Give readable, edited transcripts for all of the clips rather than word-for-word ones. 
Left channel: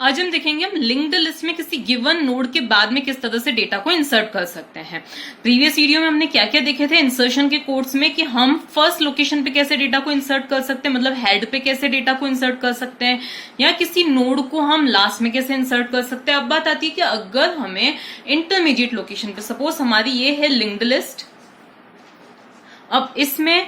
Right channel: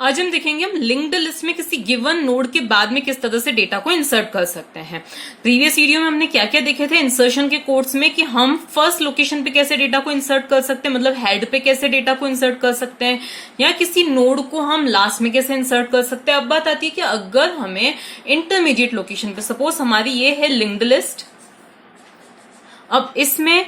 आज हम देखेंगे हम लिंक्ड लिस्ट में किसी गिवन नोड के बाद में किस तरह से डेटा को इंसर्ट कर सकते हैं। प्रीवियस वीडियो में हमने क्या क्या देखे थे इंसर्शन के कोर्स में कि हम फर्स्ट लोकेशन पे कैसे डेटा को इंसर्ट कर सकते हैं, मतलब हेड पे कैसे डेटा को इंसर्ट कर सकते हैं, या किसी नोड को हम लास्ट में कैसे इंसर्ट कर सकते हैं। अब बात आती है कि अगर हमें इंटरमीडिएट लोकेशन पे, सपोज हमारी ये है लिंक्ड लिस्ट, अब इसमें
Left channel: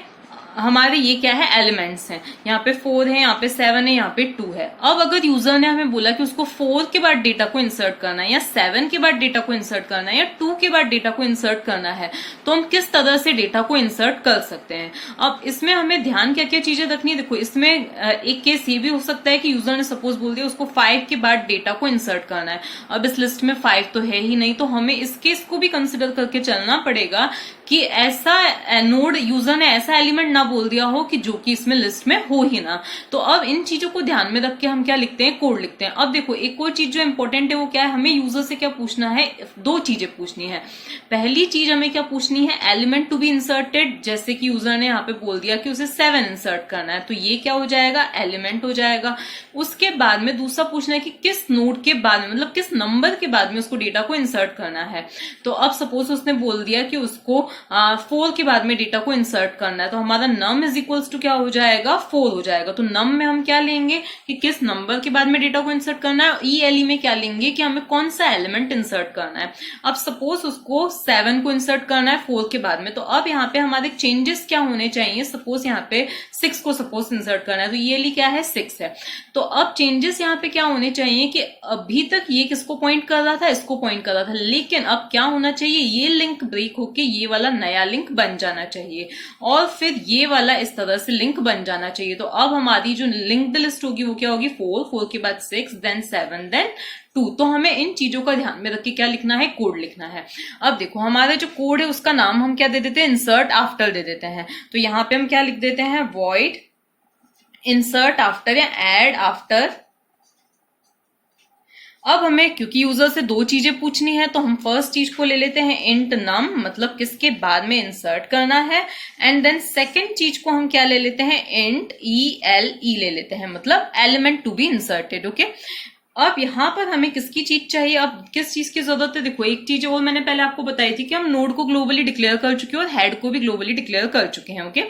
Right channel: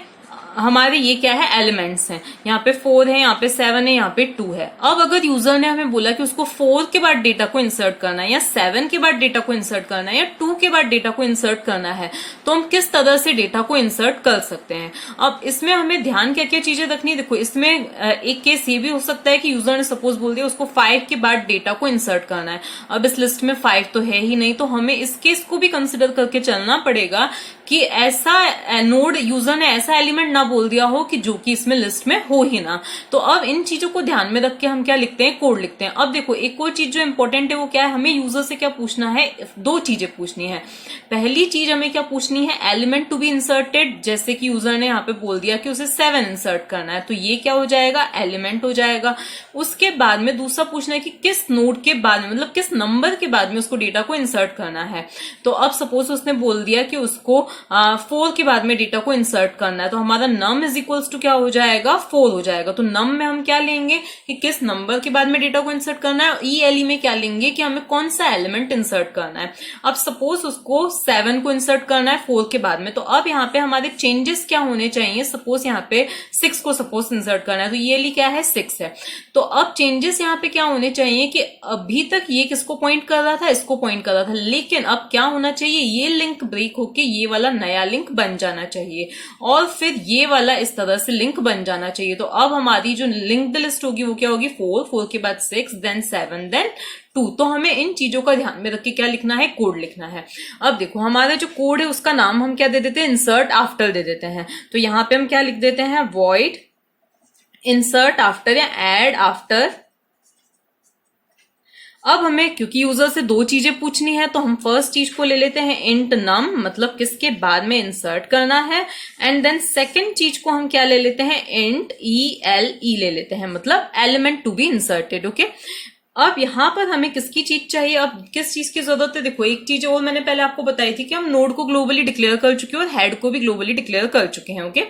हमारे ये क्या है, एलिमेंट्स हैं। यहाँ पे 4 है, यहाँ पे 7 है, यहाँ पे 2 है। अब अगर यूजर ने हमें बोला कि उसको 4 के बाद डेटा को इंसर्ट करना है, या 7 के बाद डेटा को इंसर्ट करना है, या 2 के बाद डेटा को इंसर्ट करना है, तो हम किस तरह से डेटा को इंसर्ट कर सकते हैं। अब इसमें हमें ध्यान क्या क्या चीजें रखनी है। देखो, इसमें एक केस ये भी हो सकता है कि यूजर ने सपोज बोल दिया उसको 5 के बाद डेटा को इंसर्ट करना है। अब इस लिस्ट में 5 तो है ही नहीं, तो हमें इस केस को भी कंसिडर करके चलना पड़ेगा कि ऐसा नोड यूजर ने ऐसा एलिमेंट ना बोल दिया हो कि जो कि इसमें लिस्ट में हो ही ना। तो अब इन चीजों को ध्यान में रख के हम क्या लिखते हैं, कोड लिखते हैं। अब देखो, एक और चीज जो इंपॉर्टेंट है वो क्या है, हमें यूजर से क्या पूछना है, 2 चीजें पूछनी है। पहली चीज हमें क्या पूछनी है, एलिमेंट टू बी इंसर्टेड। जैसे कि यूजर ने यहाँ पे बोल दिया कि उसे 7 इंसर्ट करना है, तो ये क्या हो जाएगा, एलिमेंट हो जाएगा। उसके बाद में दूसरा पूछना है कि किस नोड के बाद में, मतलब किस नंबर के बाद में उसको डेटा को इंसर्ट करना है। तो अब सपोज उसने बोल दिया कि उसको 4 के बाद में डेटा को इंसर्ट करना है, तो हमारा नम इज इक्वल्स टू क्या हो जाएगा, 4 हो जाएगा। तो नम में हम क्या लेंगे कि किस नंबर के बाद में डेटा को इंसर्ट करना है, ई में क्या लेंगे कि हमें कौन सा एलिमेंट इंसर्ट करना है। अब सपोज उसको 7 को इंसर्ट करना है 4 के बाद में, तो अब यहाँ पे हमारे चेंजेस क्या होने चाहिए। सपोज यहाँ पे 6 को सपोज इंसर्ट करना है, तो ये क्या है, 6 है। तो अब चेंजेस यहाँ पे क्या होने चाहिए कि अभी तक ये किसको पॉइंट कर रहा था, इसको पॉइंट कर रहा था, लेकिन अब क्या होना चाहिए, ये लिंक ब्रेक होके ये वाला नया लिंक बन जाना चाहिए, और फिर ये वाला इस तरह से लिंक बन जाना चाहिए। तो अब हमारी जो लिंक्ड लिस्ट होगी वो क्या होगी, 4 के बाद 6, देन 7, देन 2। तो हमें इन चीजों का ध्यान में रख के क्या लिखना है, कोड लिखना है। अब देखो, हमारा जो कोड है उसका नाम हम क्या दे देते हैं, इंसर्ट आफ्टर दे देते हैं। तो यहां पे हम क्या लिख देते हैं, वॉइड इंसर्ट आफ्टर या एड आफ्टर। अब हमें क्योंकि यूजर से 2 चीजें पूछनी है, तो हम फर्स्ट चीज को ले लेते हैं इंट नम, मतलब किसके बाद में इंसर्ट करना है, एंड देन सेकंड चीज को हम क्या ले लेते हैं, इंट ई ले लेते हैं, मतलब element to be inserted. Okay, अब यहां पर हमें किसकी चीज चाहिए, अब किस चीज की जरूरत है। देखो, एक चीज और मैंने पहले आपको बताई थी कि हम नोड को ग्लोबली डिक्लेयर कर चुके हैं और हेड को भी ग्लोबली डिक्लेयर कर चुके हैं। ओके,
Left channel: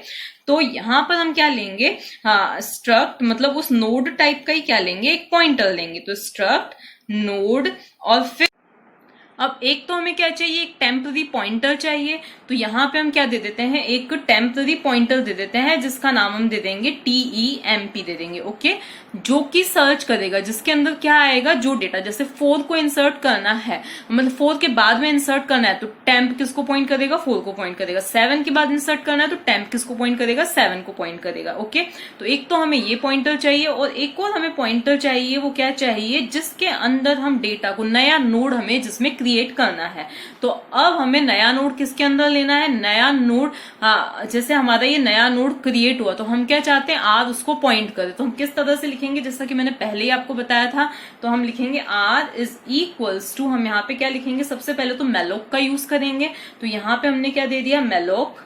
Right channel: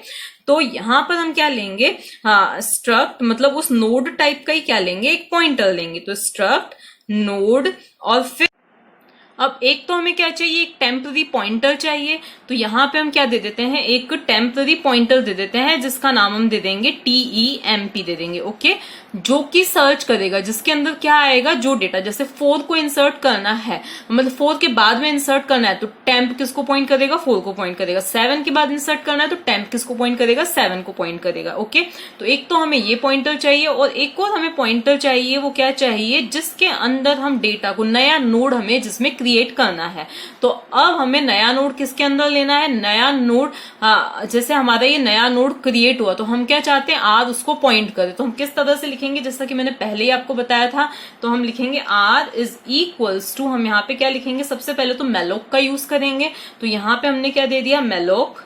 तो यहां पर हम क्या लेंगे, स्ट्रक्ट, मतलब उस नोड टाइप का ही क्या लेंगे, एक पॉइंटर लेंगे। तो स्ट्रक्ट नोड, और फिर अब एक तो हमें क्या चाहिए, एक टेम्पररी पॉइंटर चाहिए। तो यहां पे हम क्या दे देते हैं, एक टेम्पररी पॉइंटर दे देते हैं जिसका नाम हम दे देंगे TEMP दे देंगे। ओके, जो कि सर्च करेगा, जिसके अंदर क्या आएगा, जो डेटा, जैसे 4 को इंसर्ट करना है, मतलब 4 के बाद में इंसर्ट करना है, तो टेम्प किसको पॉइंट करेगा, 4 को पॉइंट करेगा। 7 के बाद इंसर्ट करना है तो टेम्प किसको पॉइंट करेगा, 7 को पॉइंट करेगा। ओके, तो एक तो हमें ये पॉइंटर चाहिए, और एक और हमें पॉइंटर चाहिए, वो क्या चाहिए, जिसके अंदर हम डेटा को, नया नोड हमें जिसमें क्रिएट करना है। तो अब हमें नया नोड किसके अंदर लेना है, नया नोड, जैसे हमारा ये नया नोड क्रिएट हुआ, तो हम क्या चाहते हैं, आर उसको पॉइंट करे। तो हम किस तरह से लिखेंगे, जैसा कि मैंने पहले ही आपको बताया था, तो हम लिखेंगे आर इज इक्वल्स टू, हम यहाँ पे क्या लिखेंगे, सबसे पहले तो मेलोक का यूज करेंगे। तो यहाँ पे हमने क्या दे दिया, मेलोक।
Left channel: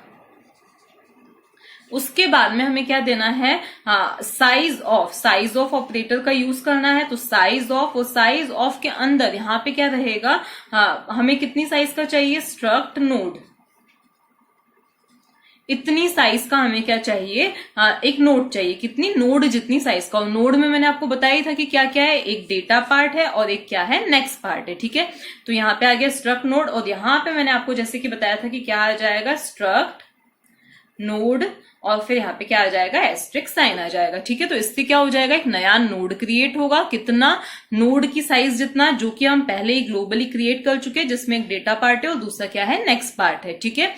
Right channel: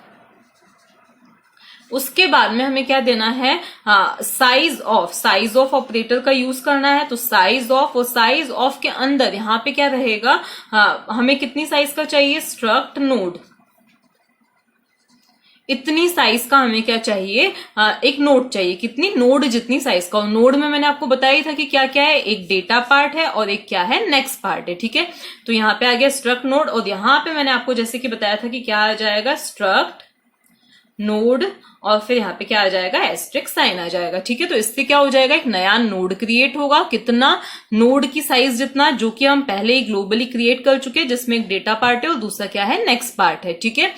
उसके बाद में हमें क्या देना है, साइज ऑफ ऑपरेटर का यूज करना है। तो साइज ऑफ, और साइज ऑफ के अंदर यहाँ पे क्या रहेगा, हमें कितनी साइज का चाहिए, स्ट्रक्ट नोड, इतनी साइज का हमें क्या चाहिए, एक नोड चाहिए, कितनी, नोड जितनी साइज का। नोड में मैंने आपको बताया था कि क्या क्या है, एक डेटा पार्ट है और एक क्या है, नेक्स्ट पार्ट है। ठीक है, तो यहाँ पे आ गया स्ट्रक्ट नोड, और यहाँ पे मैंने आपको जैसे कि बताया था कि क्या आ जाएगा, स्ट्रक्ट नोड, और फिर यहाँ पे क्या आ जाएगा, एस्ट्रिक साइन आ जाएगा। ठीक है, तो इससे क्या हो जाएगा, एक नया नोड क्रिएट होगा, कितना, नोड की साइज जितना, जो कि हम पहले ही ग्लोबली क्रिएट कर चुके हैं, जिसमें एक डेटा पार्ट है और दूसरा क्या है, नेक्स्ट पार्ट है। ठीक है,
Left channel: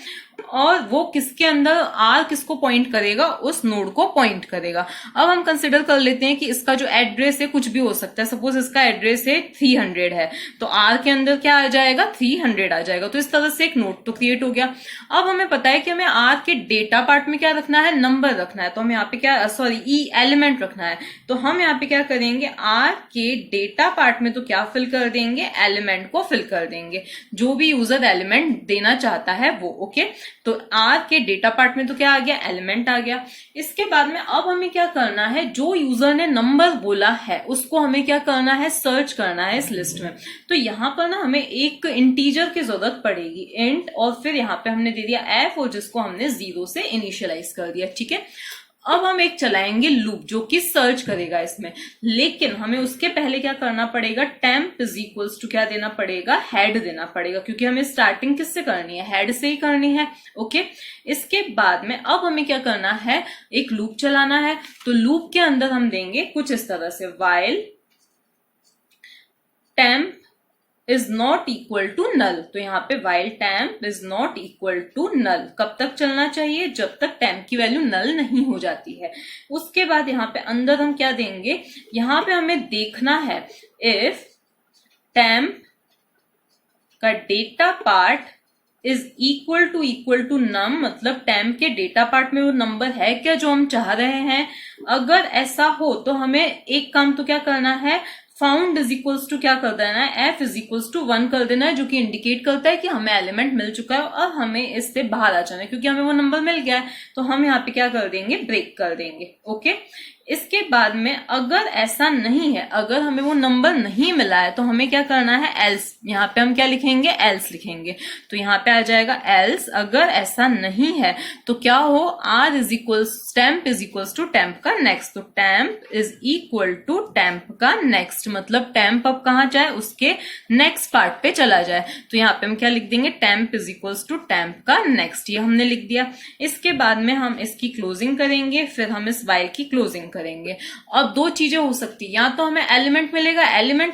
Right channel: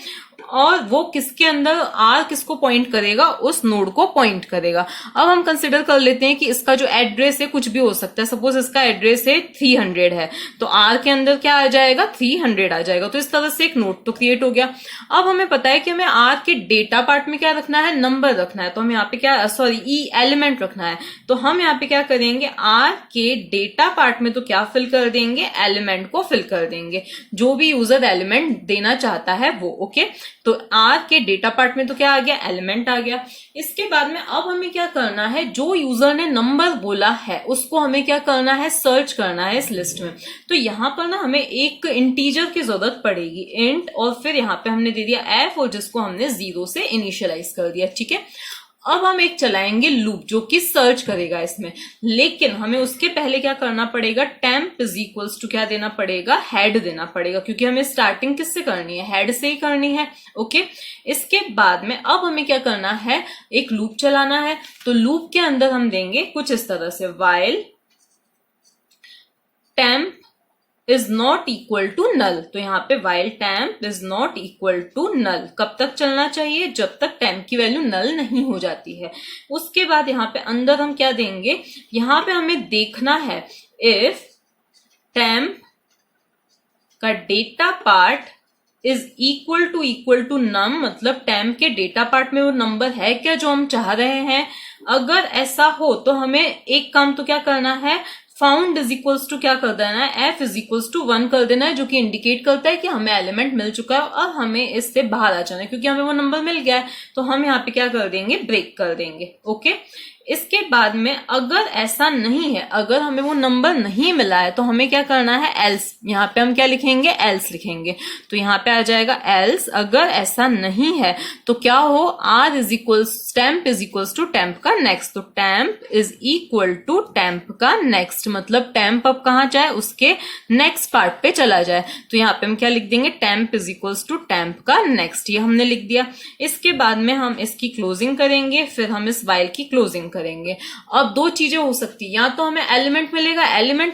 और वो किसके अंदर, आर किसको पॉइंट करेगा, उस नोड को पॉइंट करेगा। अब हम कंसिडर कर लेते हैं कि इसका जो एड्रेस है कुछ भी हो सकता है। सपोज इसका एड्रेस है 300 है, तो आर के अंदर क्या आ जाएगा, 300 आ जाएगा। तो इस तरह से एक नोड तो क्रिएट हो गया। अब हमें पता है कि हमें आर के डेटा पार्ट में क्या रखना है, नंबर रखना है। तो हम यहाँ पे क्या, एलिमेंट रखना है। तो हम यहाँ पे क्या करेंगे, आर के डेटा पार्ट में तो क्या फिल कर देंगे, एलिमेंट को फिल कर देंगे, जो भी यूजर एलिमेंट देना चाहता है वो। ओके, तो आर के डेटा पार्ट में तो क्या आ गया, एलिमेंट आ गया। इसके बाद में अब हमें क्या करना है, जो यूजर ने नंबर बोला है उसको हमें क्या करना है, सर्च करना है इस लिस्ट में। तो यहाँ पर ना हमें एक इंटीजर की जरूरत पड़ेगी, इंट, और फिर यहाँ पे हमने दे दिया एफ और जिसको हमने 0 से इनिशियलाइज कर दिया, ठीक है। अब हम एक चलाएंगे लूप जो कि सर्च करेगा इसमें, लेकिन हमें उसके पहले क्या करना पड़ेगा, टेम्प इज इक्वल्स टू क्या देना पड़ेगा, हेड देना पड़ेगा, क्योंकि हमें स्टार्टिंग किससे करनी है, हेड से ही करनी है। ओके, इसके बाद में अब हमें क्या करना है, एक लूप चलाना है। तो लूप के अंदर हम देंगे कुछ इस तरह से, while temp is not equal to null. तो यहाँ पे while temp is not equal to null कब तक चलना चाहिए, जब तक temp की वैल्यू नल नहीं हो जाती है। उसके बाद यहाँ पे अंदर हम क्या देंगे, यहाँ पे हमें देखना है if temp का data part is equal to null, मतलब temp के डेटा पार्ट में वो नंबर है क्या जो हम चाह रहे हैं। अगर ऐसा हो तो हमें एक काम तो क्या करना है, फाउंड इज इक्वल्स टू क्या कर देना है, एफ इज इक्वल्स टू 1 कर देना है, जो कि इंडिकेट करता है कि हमें एलिमेंट मिल चुका है और हमें इससे बाहर आ जाना है, क्योंकि हमें वो नंबर मिल गया है। तो हम यहाँ पे क्या कर देंगे, ब्रेक कर देंगे। ओके, इसके बाद में अगर ऐसा नहीं है, अगर हमें वो नंबर नहीं मिला है तो हमें क्या करना है, एल्स। यहाँ पे हम क्या लिखेंगे, एल्स लिखेंगे। तो यहाँ पे आ जाएगा एल्स, अगर ऐसा नहीं है तो क्या हो, r is equals temp is equals to temp का नेक्स्ट। तो temp is equal to temp का नेक्स्ट, मतलब टेम्प अब कहाँ जाए, उसके नेक्स्ट पार्ट पे चला जाए। तो यहाँ पे हम क्या लिख देंगे, temp is equals to temp का नेक्स्ट, ये हमने लिख दिया। इसके बाद में हम इसकी क्लोजिंग करेंगे, फिर हम इस वाइल की क्लोजिंग करेंगे। अब दो चीजें हो सकती है, या तो हमें एलिमेंट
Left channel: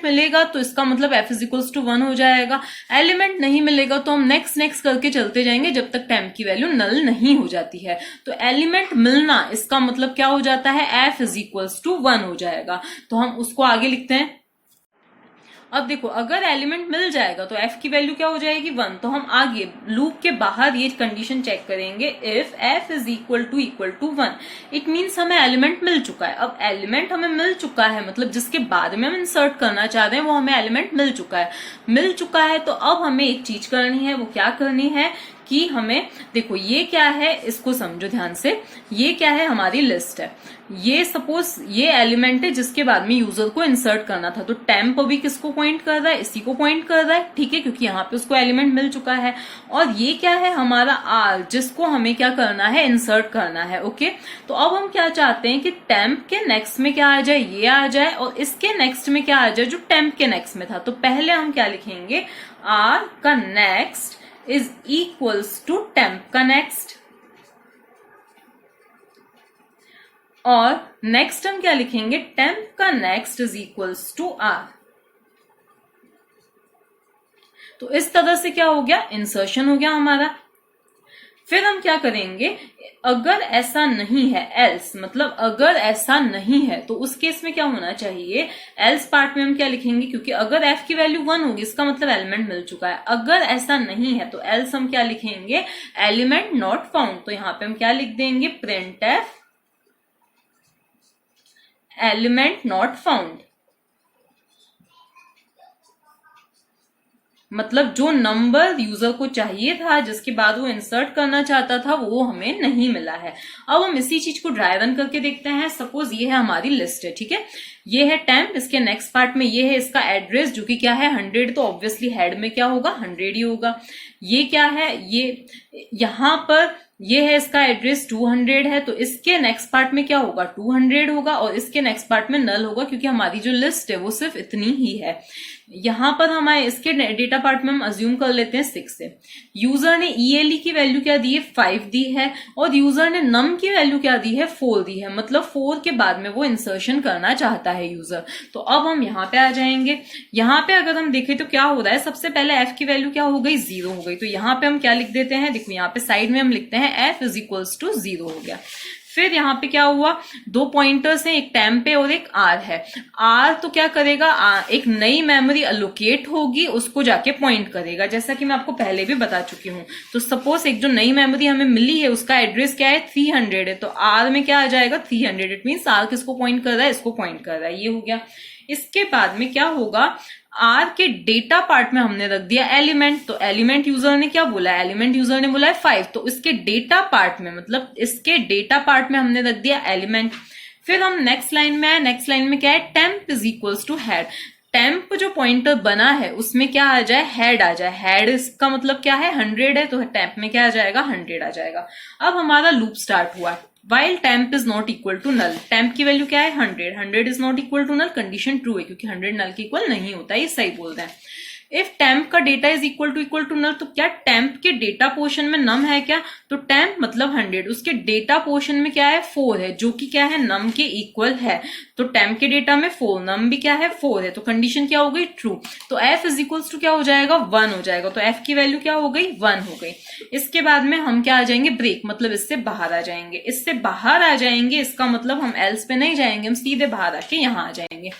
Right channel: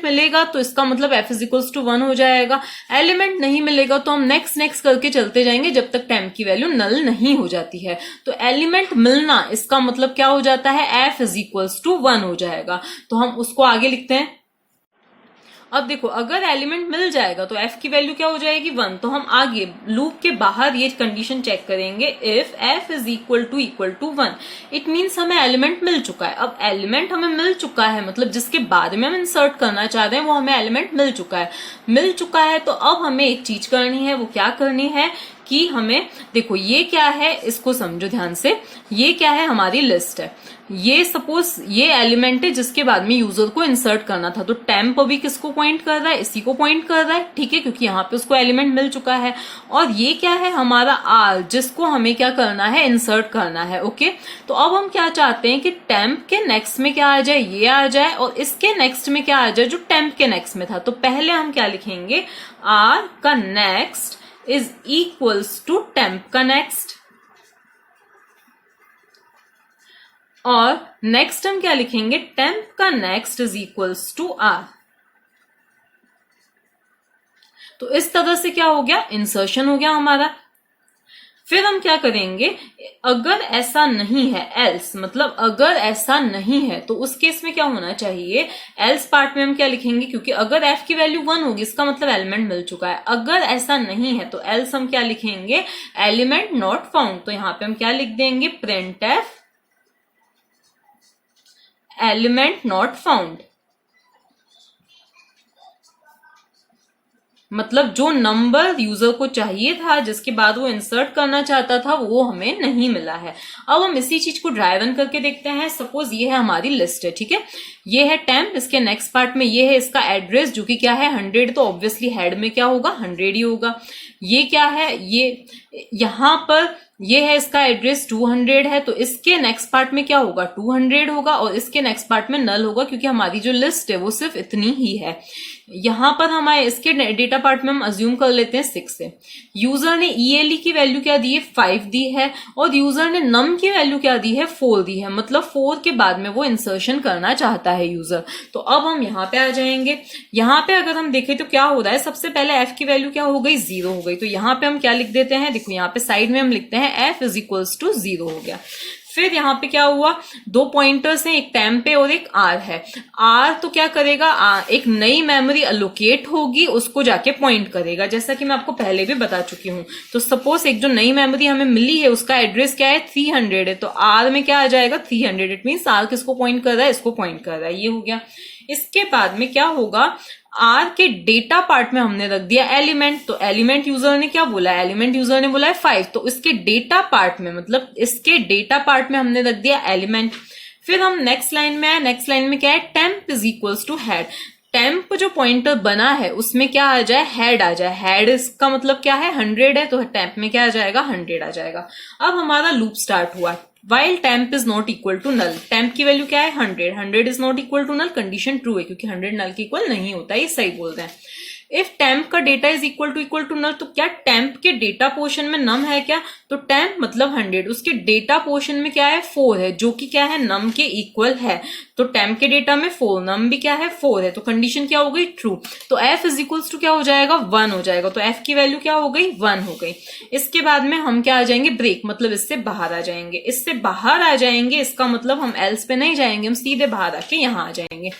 मिलेगा तो इसका मतलब f इज इक्वल्स टू 1 हो जाएगा। एलिमेंट नहीं मिलेगा तो हम नेक्स्ट करके चलते जाएंगे जब तक टेम्प की वैल्यू नल नहीं हो जाती है। तो एलिमेंट मिलना इसका मतलब क्या हो जाता है, f इज इक्वल्स टू 1 हो जाएगा। तो हम उसको आगे लिखते हैं। अब देखो, अगर एलिमेंट मिल जाएगा तो f की वैल्यू क्या हो जाएगी, 1। तो हम आगे लूप के बाहर ये कंडीशन चेक करेंगे, if f is equal to 1, it means हमें एलिमेंट मिल चुका है। अब एलिमेंट हमें मिल चुका है, मतलब जिसके बाद में हम इंसर्ट करना चाह रहे हैं वो हमें एलिमेंट मिल चुका है। तो अब हमें एक चीज करनी है, वो क्या करनी है कि हमें, देखो ये क्या है, इसको समझो ध्यान से, ये क्या है, हमारी लिस्ट है। ये सपोज ये एलिमेंट है जिसके बाद में यूजर को इंसर्ट करना था। तो टेम्प अभी किसको पॉइंट कर रहा है, इसी को पॉइंट कर रहा है, ठीक है, क्योंकि यहाँ पे उसको एलिमेंट मिल चुका है। और ये क्या है, हमारा आर, जिसको हमें क्या करना है, इंसर्ट करना है। ओके, तो अब हम क्या चाहते हैं कि टेम्प के नेक्स्ट में क्या आ जाए, ये आ जाए, और इसके नेक्स्ट में क्या आ जाए, जो टेम्प के नेक्स्ट में था। तो पहले हम क्या लिखेंगे, आर का next is equals to temp का नेक्स्ट, और नेक्स्ट हम क्या लिखेंगे, टेम्प का next is equals to r. तो इस तरह से क्या हो गया, इंसर्शन हो गया हमारा। फिर हम क्या करेंगे, अगर ऐसा नहीं है, एल्स, मतलब अगर ऐसा नहीं है तो उस केस में क्या होना चाहिए, एल्स पार्ट में हम क्या लिखेंगे, क्योंकि अगर f की वैल्यू 1 होगी इसका मतलब एलिमेंट मिल चुका है। अगर ऐसा नहीं है तो एल्स हम क्या लिखेंगे, एलिमेंट नॉट फाउंड। तो यहाँ पे हम क्या लिख देंगे, print F element not found, मतलब जो नंबर यूजर को चाहिए था, जिसके बाद वो इंसर्ट करना चाहता था, वो हमें नहीं मिला है। अब हम इसी चीज को ड्राई रन करके देखते हैं। सपोज ये है हमारी लिस्ट है, ठीक है, ये है टेम्प, इसके नेक्स्ट पार्ट में ये है इसका एड्रेस जो कि क्या है, 100। तो ऑब्वियसली हेड में क्या होगा, 100 ही होगा। ये क्या है, ये यहां पर ये है इसका एड्रेस 200 है, तो इसके नेक्स्ट पार्ट में क्या होगा, 200 होगा, और इसके नेक्स्ट पार्ट में नल होगा, क्योंकि हमारी जो लिस्ट है वो सिर्फ इतनी ही है। यहां पर हमारे इसके डेटा पार्ट में हम अज्यूम कर लेते हैं 6 से। यूजर ने ईएलई की वैल्यू क्या दी है, 5 दी है, और यूजर ने नम की वैल्यू क्या दी है, 4 दी है, मतलब 4 के बाद में वो इंसर्शन करना चाहता है यूजर। तो अब हम यहाँ पे आ जाएंगे। यहाँ पे अगर हम देखें तो क्या हो रहा है, सबसे पहले एफ की वैल्यू क्या हो गई, 0 हो गई। तो यहाँ पे हम क्या लिख देते हैं, देखो यहाँ पे साइड में हम लिखते हैं एफ इज इक्वल्स टू 0 हो गया। फिर यहाँ पे क्या हुआ, 2 पॉइंटर्स हैं, एक टेम्प पे और एक आर है। आर तो क्या करेगा, एक नई मेमोरी अलोकेट होगी, उसको जाके पॉइंट करेगा, जैसा कि मैं आपको पहले भी बता चुकी हूँ। तो सपोज एक जो नई मेमोरी हमें मिली है उसका एड्रेस क्या है, 300 है, तो आर में क्या आ जाएगा, 300। इट मीन आर किसको पॉइंट कर रहा है, इसको पॉइंट कर रहा है, ये हो गया। इसके बाद में क्या होगा, आर के डेटा पार्ट में हमने रख दिया एलिमेंट, तो एलिमेंट यूजर ने क्या बोला है, एलिमेंट यूजर ने बोला है 5, तो इसके डेटा पार्ट में मतलब इसके डेटा पार्ट में हमने रख दिया एलिमेंट। फिर हम नेक्स्ट लाइन में आए, नेक्स्ट लाइन में क्या है, temp is equals to head. Temp जो पॉइंटर बना है उसमें क्या आ जाए, हेड आ जाए। हेड इसका मतलब क्या है, 100 है, तो टेम्प में क्या आ जाएगा, 100 आ जाएगा। अब हमारा लूप स्टार्ट हुआ, while temp is not equal to null. Temp की वैल्यू क्या है, 100, 100 is not equal to null, condition true है क्योंकि 100 नल के इक्वल नहीं होता है, ये सही बोल रहे हैं। इफ टेम्प का data is equal to null, तो क्या टेम्प के डेटा पोर्शन में नम है क्या, तो टेम्प मतलब 100, उसके डेटा पोर्शन में क्या है, 4 है, जो कि क्या है, नम के इक्वल है। तो टेम्प के डेटा में 4, नम भी क्या है, 4 है, तो कंडीशन क्या हो गई, ट्रू। तो एफ इज इक्वल्स टू क्या हो जाएगा, 1 हो जाएगा, तो एफ की वैल्यू क्या हो गई, 1 हो गई। इसके बाद में हम क्या आ जाएंगे, ब्रेक, मतलब इससे बाहर आ जाएंगे, इससे बाहर आ जाएंगे, इसका मतलब हम एल्स पे नहीं जाएंगे, हम सीधे बाहर आके यहाँ आ जाएंगे।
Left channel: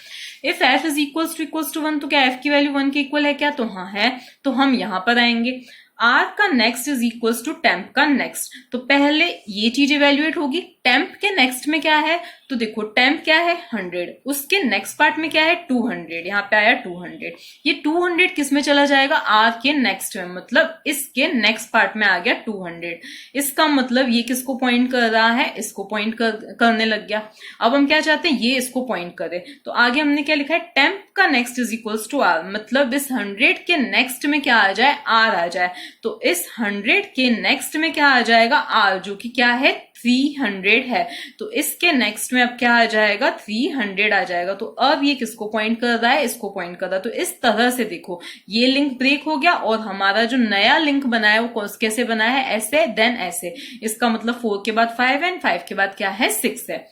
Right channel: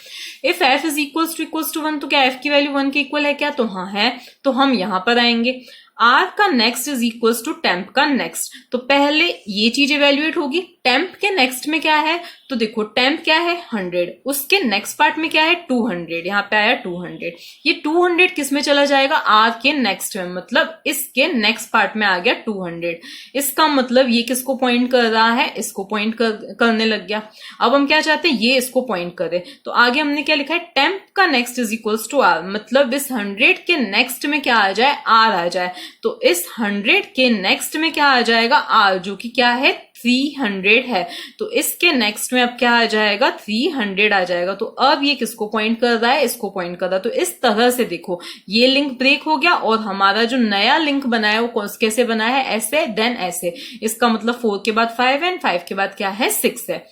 If f is equals to 1, तो क्या एफ की वैल्यू 1 के इक्वल है क्या, तो हाँ है, तो हम यहां पर आएंगे। आर का next is equals to temp का नेक्स्ट, तो पहले ये चीज इवेल्युएट होगी। टेम्प के नेक्स्ट में क्या है, तो देखो टेम्प क्या है, 100, उसके नेक्स्ट पार्ट में क्या है, 200, यहाँ पे आया 200। ये 200 किस में चला जाएगा, आर के नेक्स्ट में, मतलब इसके नेक्स्ट पार्ट में आ गया 200। इसका मतलब ये किसको पॉइंट कर रहा है, इसको पॉइंट करने लग गया। अब हम क्या चाहते हैं, ये इसको पॉइंट करे, तो आगे हमने क्या लिखा है, टेम्प का next is equals to r, मतलब इस 100 के नेक्स्ट में क्या आ जाए, आर आ जाए। तो इस 100 के नेक्स्ट में क्या आ जाएगा, आर, जो कि क्या है, 300 है, तो इसके नेक्स्ट में अब क्या आ जाएगा, 300 आ जाएगा। तो अब ये किसको पॉइंट कर रहा है, इसको पॉइंट कर रहा है। तो इस तरह से देखो ये लिंक ब्रेक हो गया और हमारा जो नया लिंक बना है वो कैसे बना है, ऐसे देन ऐसे। इसका मतलब 4 के बाद 5 है, 5 के बाद क्या है, 6 है।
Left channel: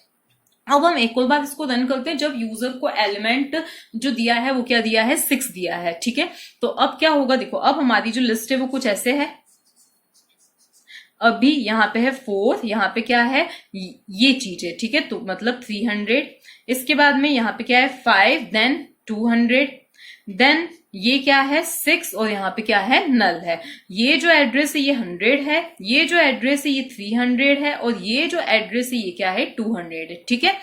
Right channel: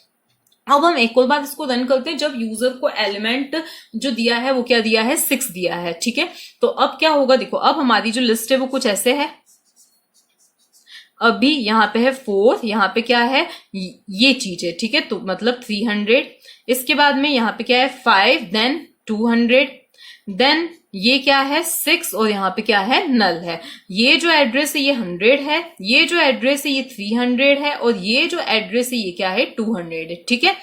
अब हम एक और बार इसको रन करते हैं, जब यूजर को एलिमेंट जो दिया है वो क्या दिया है, 6 दिया है, ठीक है। तो अब क्या होगा, देखो अब हमारी जो लिस्ट है वो कुछ ऐसे है। अभी यहाँ पे है 4, यहाँ पे क्या है, ये चीज है, ठीक है, तो मतलब 300। इसके बाद में यहाँ पे क्या है, 5, देन 200, देन ये क्या है, 6, और यहाँ पे क्या है, नल है। ये जो एड्रेस है ये 100 है, ये जो एड्रेस है ये 300 है, और ये जो एड्रेस है ये क्या है, 200 है, ठीक है।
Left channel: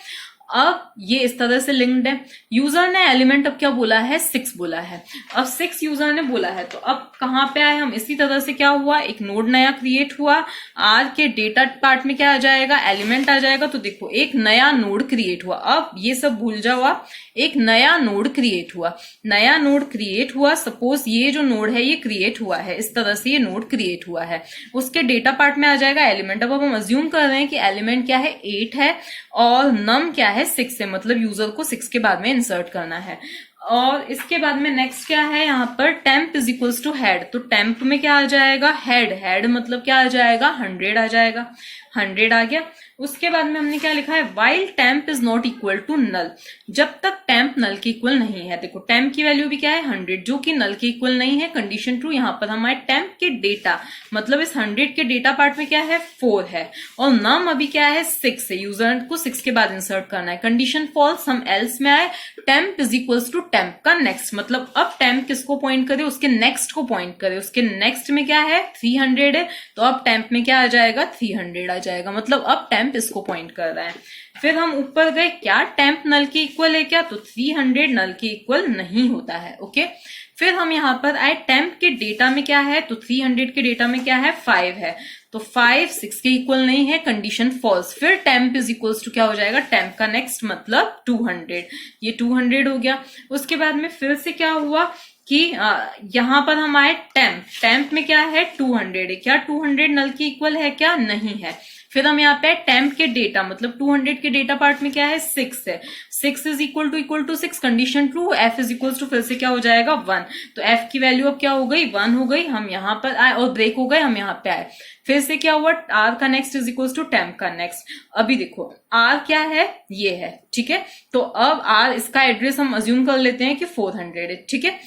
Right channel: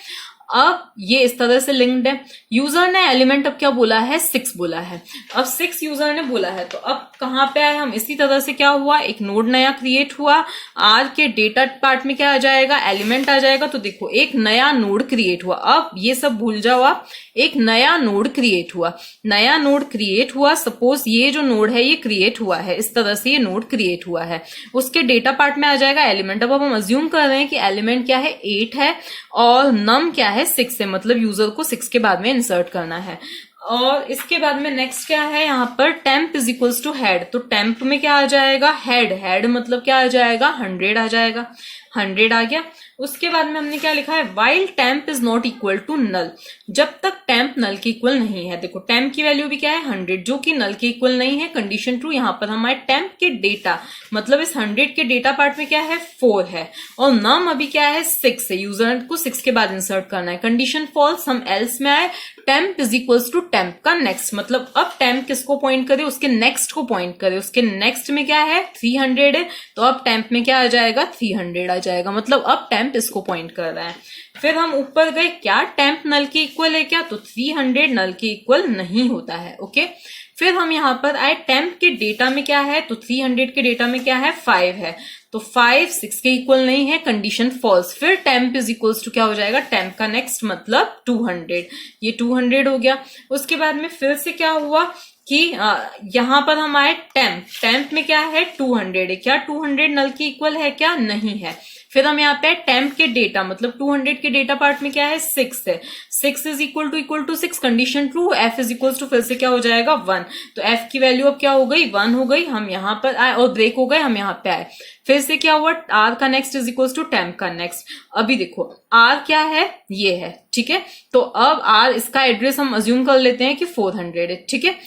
अब ये इस तरह से लिंक्ड है। यूजर ने एलिमेंट अब क्या बोला है, 6 बोला है। अब 6 यूजर ने बोला है, तो अब कहां पे आए हम, इसी तरह से क्या हुआ, एक नोड नया क्रिएट हुआ। आर के डेटा पार्ट में क्या आ जाएगा, एलिमेंट आ जाएगा। तो देखो एक नया नोड क्रिएट हुआ, अब ये सब भूल जाओ आप, एक नया नोड क्रिएट हुआ, नया नोड क्रिएट हुआ। सपोज ये जो नोड है ये क्रिएट हुआ है, इस तरह से ये नोड क्रिएट हुआ है, उसके डेटा पार्ट में आ जाएगा एलिमेंट। अब हम अज्यूम कर रहे हैं कि एलिमेंट क्या है, 8 है, और नम क्या है, 6 है, मतलब यूजर को 6 के बाद में इंसर्ट करना है। और इसके बाद में नेक्स्ट क्या है, यहाँ पर temp is equals to head, तो टेम्प में क्या आ जाएगा, हेड, हेड मतलब क्या आ जाएगा, 100 आ जाएगा, 100 आ गया। उसके बाद में हमने क्या लिखा है, while temp is not equal to null, जब तक टेम्प नल के इक्वल नहीं है। देखो टेम्प की वैल्यू भी क्या है, 100, जो कि नल के इक्वल नहीं है, कंडीशन ट्रू। यहाँ पर हमारे टेम्प के डेटा मतलब इस 100 के डेटा पार्ट में क्या है, 4 है, और नम अभी क्या है, 6 है, यूजर को 6 के बाद इंसर्ट करना है, कंडीशन फॉल्स। हम एल्स में आए, temp is equals to temp का नेक्स्ट, मतलब अब टेम्प किसको पॉइंट करे, उसके नेक्स्ट को पॉइंट करे, उसके नेक्स्ट में क्या है, 300 है, तो अब टेम्प में क्या आ जाएगा, 300 आ जाएगा, मतलब अब टेम्प इसको पॉइंट कर रहा है। फिर हम ऊपर गए, क्या टेम्प नल के इक्वल है क्या, तो 300 नल के इक्वल नहीं होता है, ओके। फिर हम यहाँ पर आए, टेम्प के डेटा में क्या है, तो 300 के डेटा में क्या है, 5 है, तो 5 6 के इक्वल नहीं है, कंडीशन फॉल्स। फिर टेम्प इज इक्वल्स टू क्या हो जाएगा, टेम्प का नेक्स्ट मतलब 200, ये 200 हो गया। उसके बाद में फिर से क्या हुआ कि यहां पर हम आए, टेम्प में क्या है, 200 है, क्या 200 नल के इक्वल है क्या, नहीं है। फिर हम यहाँ पे टेम्प के डेटा मतलब 200 के डेटा पार्ट में क्या है, 6 है, 6 is equal to 6, condition true. F is equal to फिर से क्या हो जाएगा, 1, तो एफ की वैल्यू अब क्या हो गई, 1 हो गई। हम यहाँ पर आए और ब्रेक हो गए, हम यहाँ पे आए, फिर से क्या हुआ, आर का next is equal to temp का नेक्स्ट। अभी देखो आर क्या है, ये है, ठीक है, तो अब आर इसका एड्रेस हम अज्यूम कर लेते हैं कि 400 है, ठीक है।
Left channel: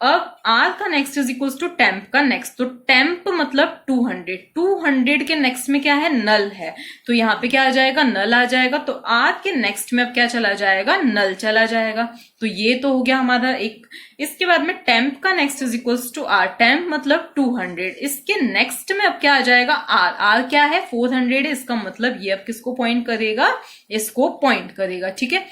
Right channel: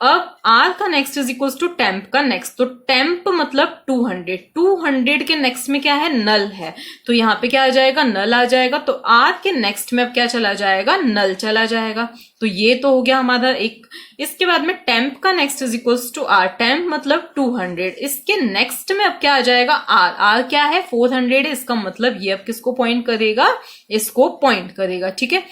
अब आर का next is equal to temp का नेक्स्ट, तो टेम्प मतलब 200 के नेक्स्ट में क्या है, नल है, तो यहाँ पे क्या आ जाएगा, नल आ जाएगा। तो आर के नेक्स्ट में अब क्या चला जाएगा, नल चला जाएगा, तो ये तो हो गया हमारा एक। इसके बाद में टेम्प का next is equal to R, temp मतलब 200, इसके नेक्स्ट में अब क्या आ जाएगा, आर, आर क्या है, 400 है, इसका मतलब ये अब किसको पॉइंट करेगा, इसको पॉइंट करेगा, ठीक है।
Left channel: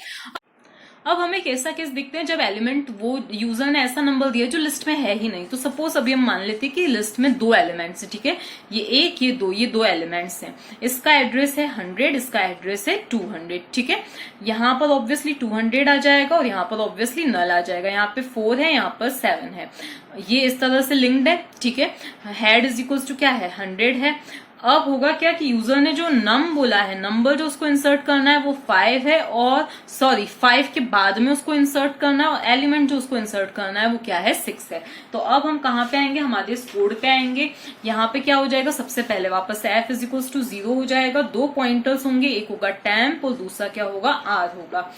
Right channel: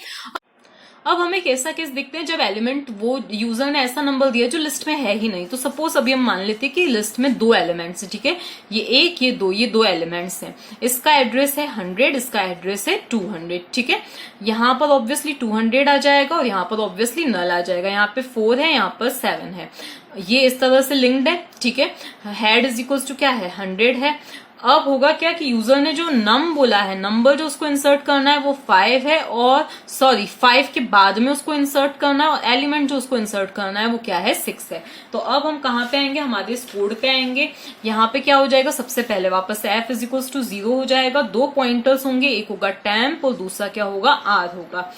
अब हमें एक ऐसा केस देखते हैं जब एलिमेंट वो यूजर ने ऐसा नंबर दिया जो लिस्ट में है ही नहीं। तो सपोज अभी हम मान लेते हैं कि लिस्ट में 2 एलिमेंट्स है, ठीक है, ये 1 ये 2 एलिमेंट्स हैं। इसका एड्रेस है 100, इसका एड्रेस है 200, ठीक है। यहाँ पर ऑब्वियसली 200 आ जाएगा और यहाँ पर ऑब्वियसली नल आ जाएगा। यहाँ पे 4 है, यहाँ पर 7 है, ये इस तरह से लिंक्ड है, ठीक है। हेड इज इक्वल टू क्या है 100 है। अब होगा क्या कि यूजर ने जो नम बोला है, नंबर जो उसको इंसर्ट करना है वो 5 है, और 5 के बाद में उसको इंसर्ट करना है, और एलिमेंट जो उसको इंसर्ट करना है वो क्या है 6 है। तो अब हम कहाँ पे आएंगे, हमारे इस कोड पे आएंगे। यहाँ पे क्या हो जाएगा, सबसे पहले वापस से f इज इक्वल टू 0 हो जाएगा। 2 पॉइंटर्स होंगे, एक होगा टेम्प और दूसरा क्या होगा r होगा।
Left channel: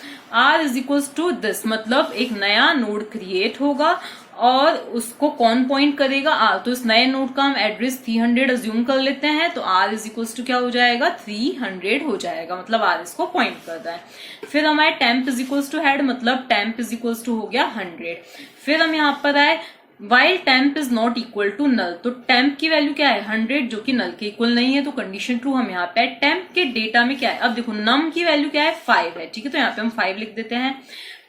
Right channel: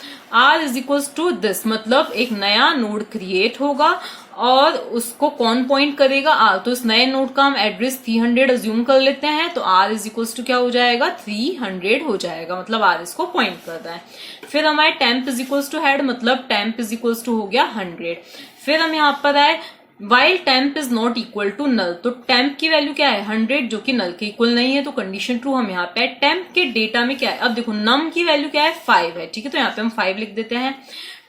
r is equal to this, मतलब एक नया नोड क्रिएट होगा और उसको कौन पॉइंट करेगा r। तो इस नए नोड का हम एड्रेस 300 अज्यूम कर लेते हैं, तो r इज इक्वल टू क्या हो जाएगा 300 हो जाएगा, मतलब r इसको पॉइंट करता है। फिर हमारे temp is equal to head, मतलब टेम्प इज इक्वल टू हो गया 100। फिर हम यहाँ पर आए while temp is not equal to null, तो टेम्प की वैल्यू क्या है 100 जो कि नल के इक्वल नहीं है, तो कंडीशन ट्रू हम यहाँ पे। टेम्प के डेटा में क्या है, अब देखो नम की वैल्यू क्या है 5 है, ठीक है, तो यहाँ पे हम 5 लिख देते हैं।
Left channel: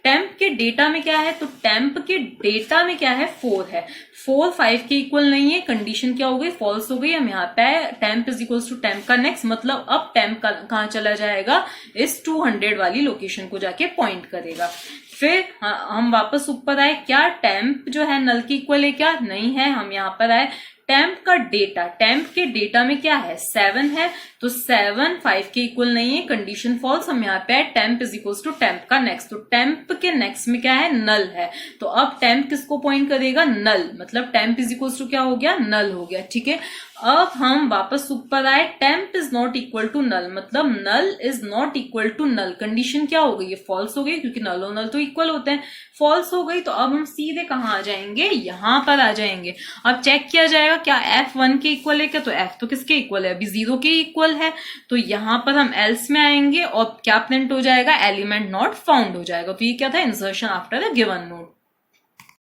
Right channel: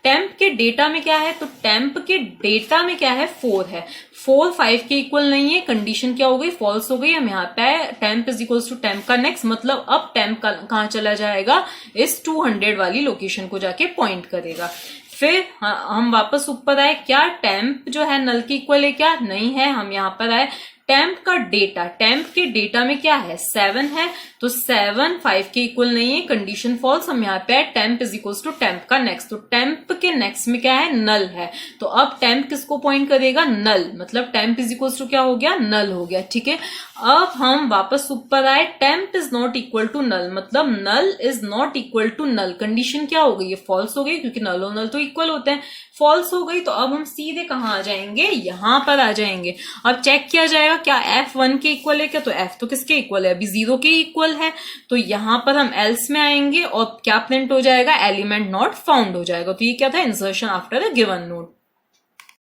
टेम्प के डेटा में क्या है, तो टेम्प के डेटा में क्या है 4 है, 4 5 के इक्वल नहीं है, कंडीशन क्या हो गई फॉल्स हो गई। हम यहाँ पे temp is equal to temp का नेक्स्ट, मतलब अब टेम्प कहाँ चला जाएगा, इस 200 वाली लोकेशन को जाके पॉइंट करेगा। फिर हम वापस ऊपर आए, क्या टेम्प जो है नल के इक्वल है क्या, नहीं है। हम यहाँ पर आए टेम्प का डेटा, टेम्प के डेटा में क्या है 7 है, तो 7 5 के इक्वल नहीं है, कंडीशन फॉल्स। हम यहाँ पे temp is equal to temp का नेक्स्ट, तो टेम्प के नेक्स्ट में क्या है नल है, तो अब टेम्प किसको पॉइंट करेगा नल, मतलब टेम्प इज इक्वल टू क्या हो गया नल हो गया, ठीक है। अब हम वापस ऊपर आए, temp is not equal to null, मतलब null is not equal to null, condition क्या हो गई, ये फॉल्स हो गई, क्योंकि नल और नल तो इक्वल होते हैं, फॉल्स हो गई। तो अब हम सीधे कहाँ आ जाएंगे, यहां पर आ जाएंगे। अब चेक किया जाएगा क्या f 1 के इक्वल है क्या, तो f तो किसके इक्वल है, अभी 0 के इक्वल है, तो यहां पर हम एल्स में आएंगे और क्या प्रिंट हो जाएगा, एलिमेंट नॉट फाउंड हो जाएगा। तो ये क्या था, insertion after a given node.